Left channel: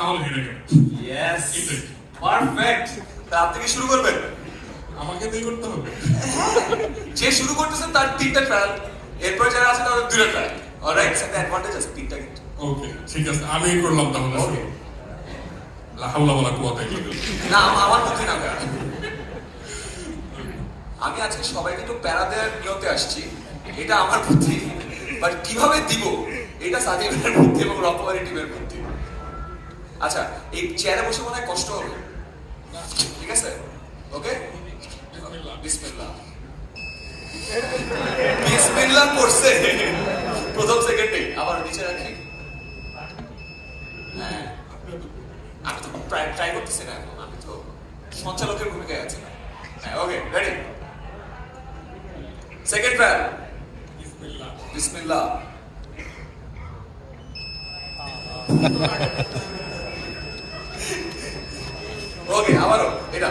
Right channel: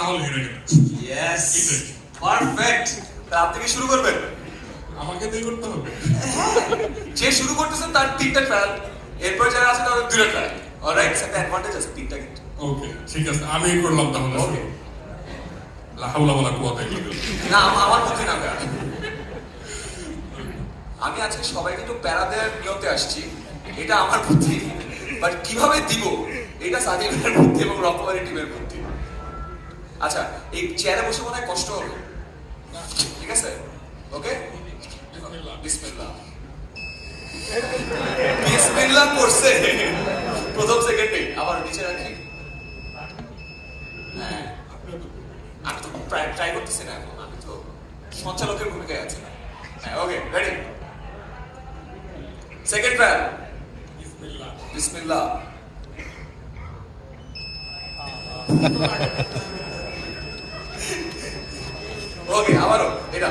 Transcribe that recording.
তাহলে হেরে গেল। Yes, perfect. আপনি শুরু করবেন? আমাকে দিয়ে করতে হবে। যে শুরু করতেছেন তার 3টা ট্রায়াল, এরপর যারা আছে তাদের 2টা ট্রায়াল। অলরাইট, একটা অ্যাডভান্টেজ আছে 3টা কিন্তু। ওকে ঠিক আছে, আমি করলাম তাহলে। ওকে। লা হাওলা ওয়ালা কুওয়াতা ইল্লা বিল্লাহ। না, আমার পক্ষে না ভাইয়া। আমি আজকে সবাইকে একটু প্যারা দেওয়ার নিয়তে আসছি, এটা আমার বুদ্ধি, বাট কিভাবে দিব এটা সাজিদের বুদ্ধি এবং রকমারি টিমের বুদ্ধি। আচ্ছা, এই চেয়ারে বসে মনে হয় কষ্ট হবে, ঠিক আছে? ওকে, বিসমিল্লাহ। বিসমিল্লাহ করছে প্রথম সেকেন্ডে, আবার নিচে রাখি। হ্যাঁ, আমি তো ট্রাই করতেছি না, আমি তো সঞ্চালকের ভূমিকায় আছি। হ্যাঁ, ওকে, রেডি। সেকেন্ড ট্রায়াল, বিসমিল্লাহ। ওকে, আবারও এটা।